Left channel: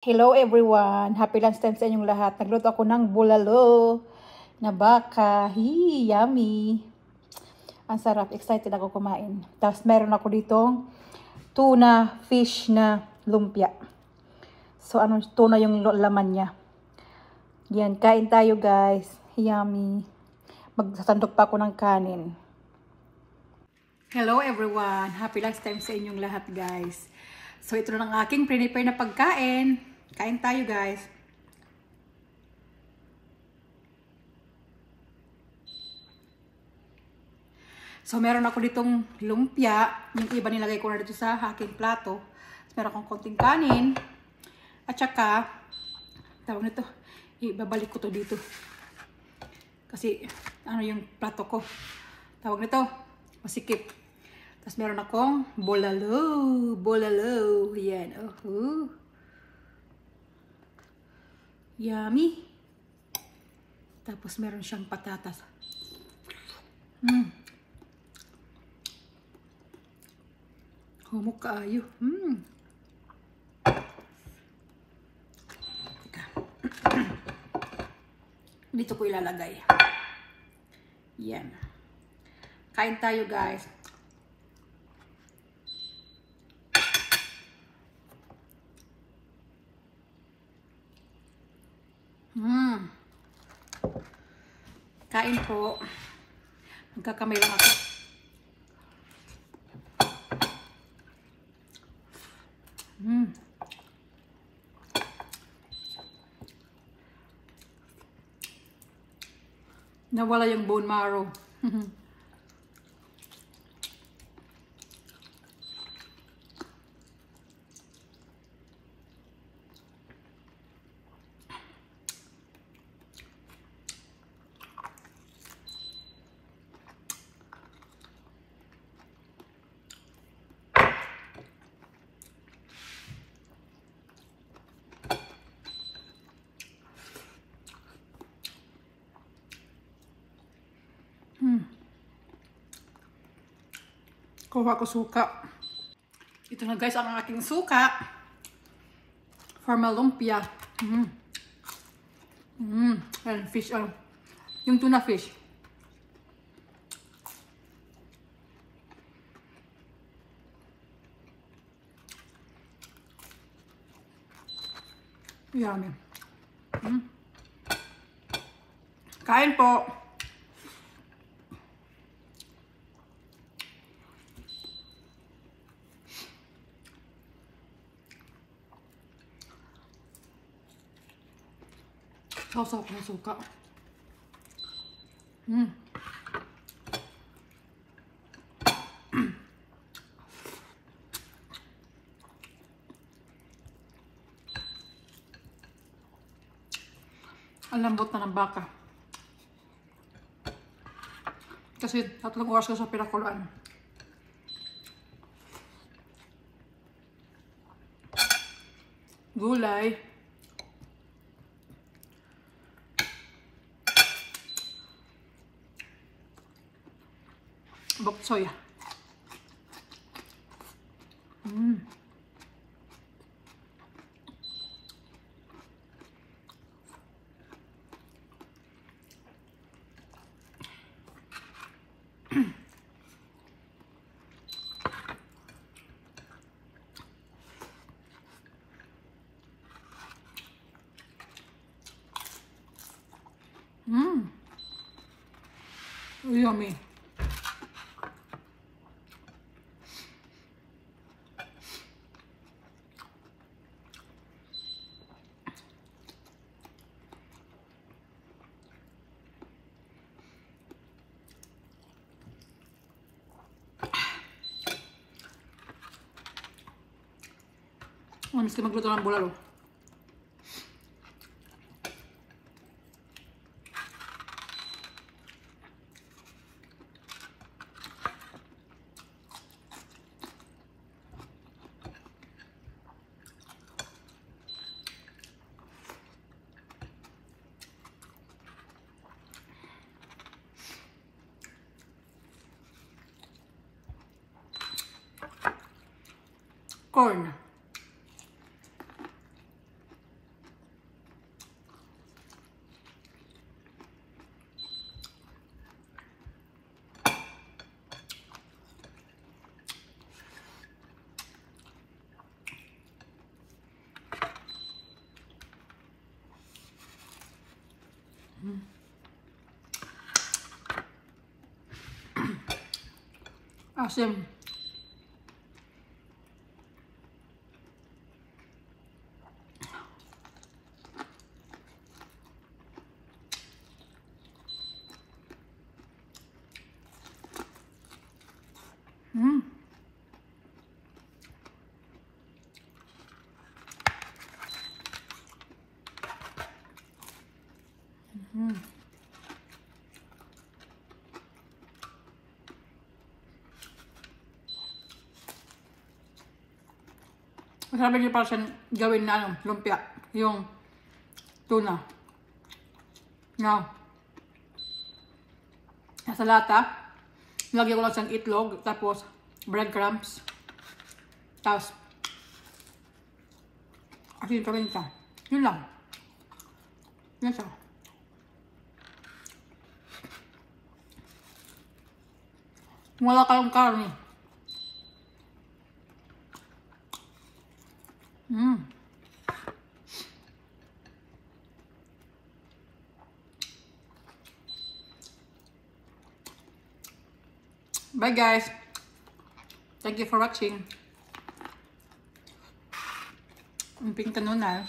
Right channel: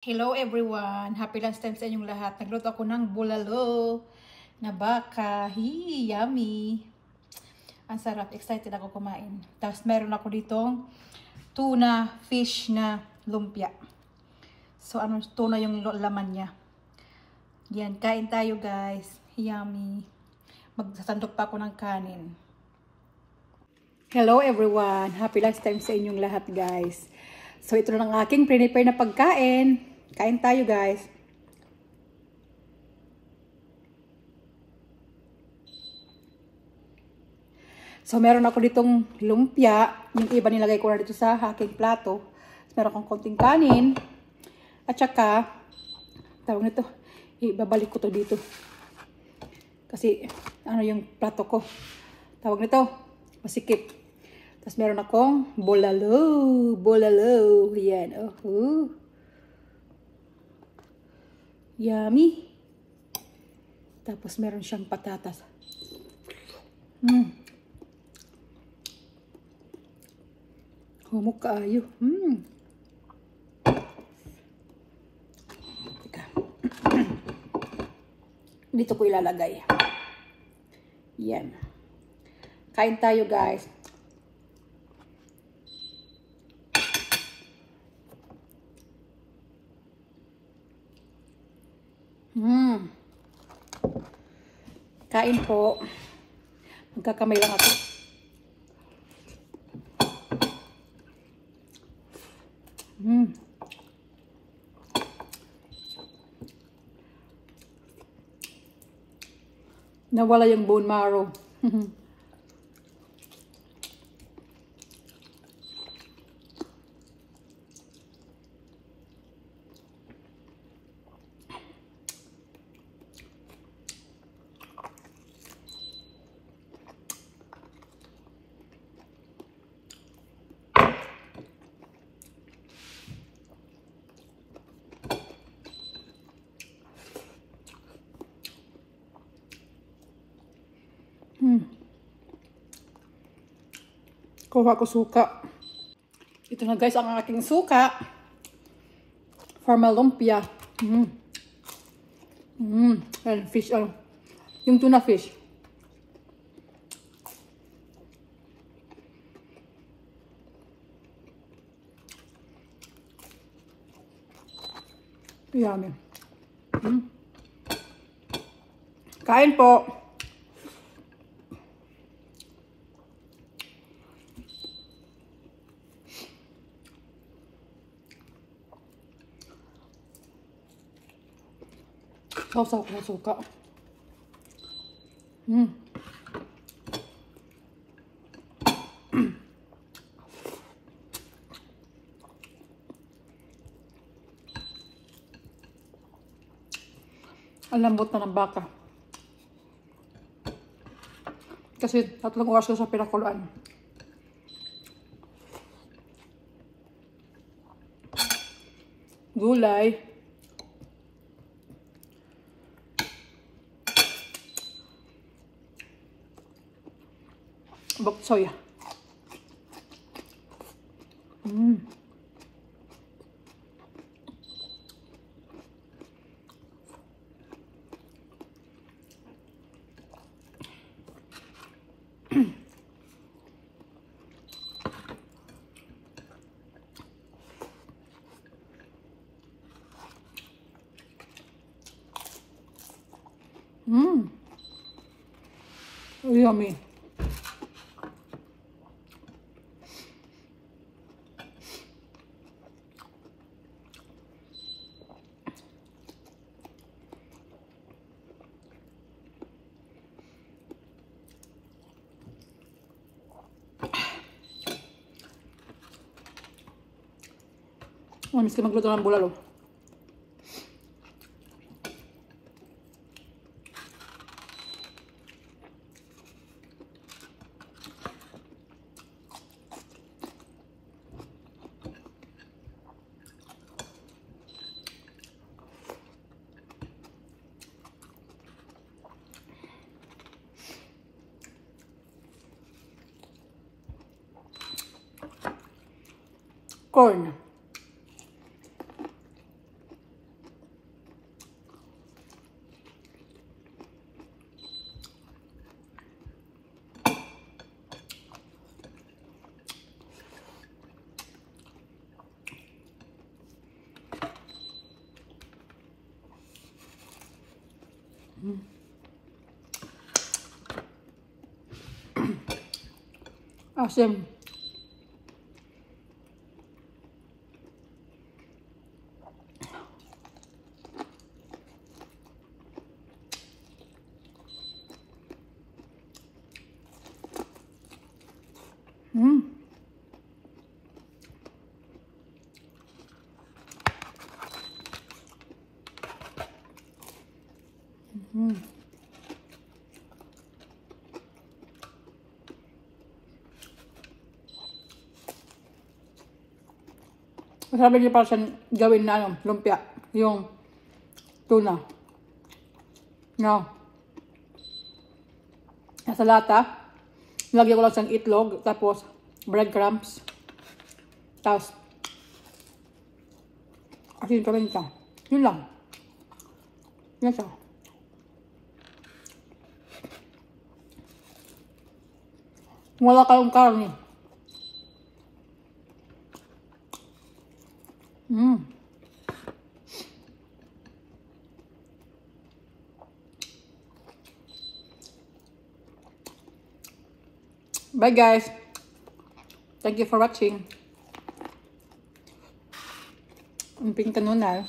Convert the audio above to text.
Hello everyone! Happy lunchtime sa inyong lahat. Nagluto ako ng bulalo na baka. Yummy! Ang sarap. Excited ako kumain. Tapos meron ako ditong tuna fish na lumpia. So tuna yung laman niya. Yan, kain tayo guys. Yummy! Magsasandok pa ako ng kanin. Hello everyone! Happy lunchtime sa inyong lahat guys. So ito na ang aking prepare na pagkain. Kain tayo guys. So meron ako ditong lumpia. Yung iba nilagay ko na dito sa aking plato. Meron akong konting kanin. At saka, tawag nito, ibabalik ko to dito. Kasi ano yung plato ko. Tawag nito, masikip. Tapos meron akong bulalo. Yan. Yummy. Tapos meron siyang patatas. Humok kaayo. Teka. Dito ko ilalagay. Yan. Kain tayo guys. Kain po. Magkakamay lang ako. Nawala yung bone marrow. Kuha ko suka. Ito na guys ang aking suka. For my lumpia. And fish. Yung tuna fish. Yummy. Kain po. Sausaw ko na suka. Ang lambot na ng baka. Kasi 3 oras ko sa pinakuluan. Gulay. Bok soya. Yummy. Mamis ka magluto ng bulalo. Corn. Asim. Sabi niyo para siyang gawin na ano, lumpia. Yung tuna. Na nasa lata. Lagyan ko lang siyang itlog. Tapos breadcrumbs. Tapos asin pa rin siya. Yun lang. Yan siya. Wala kayong karne. Bye guys. Thank you for watching. Ang ping kanunal.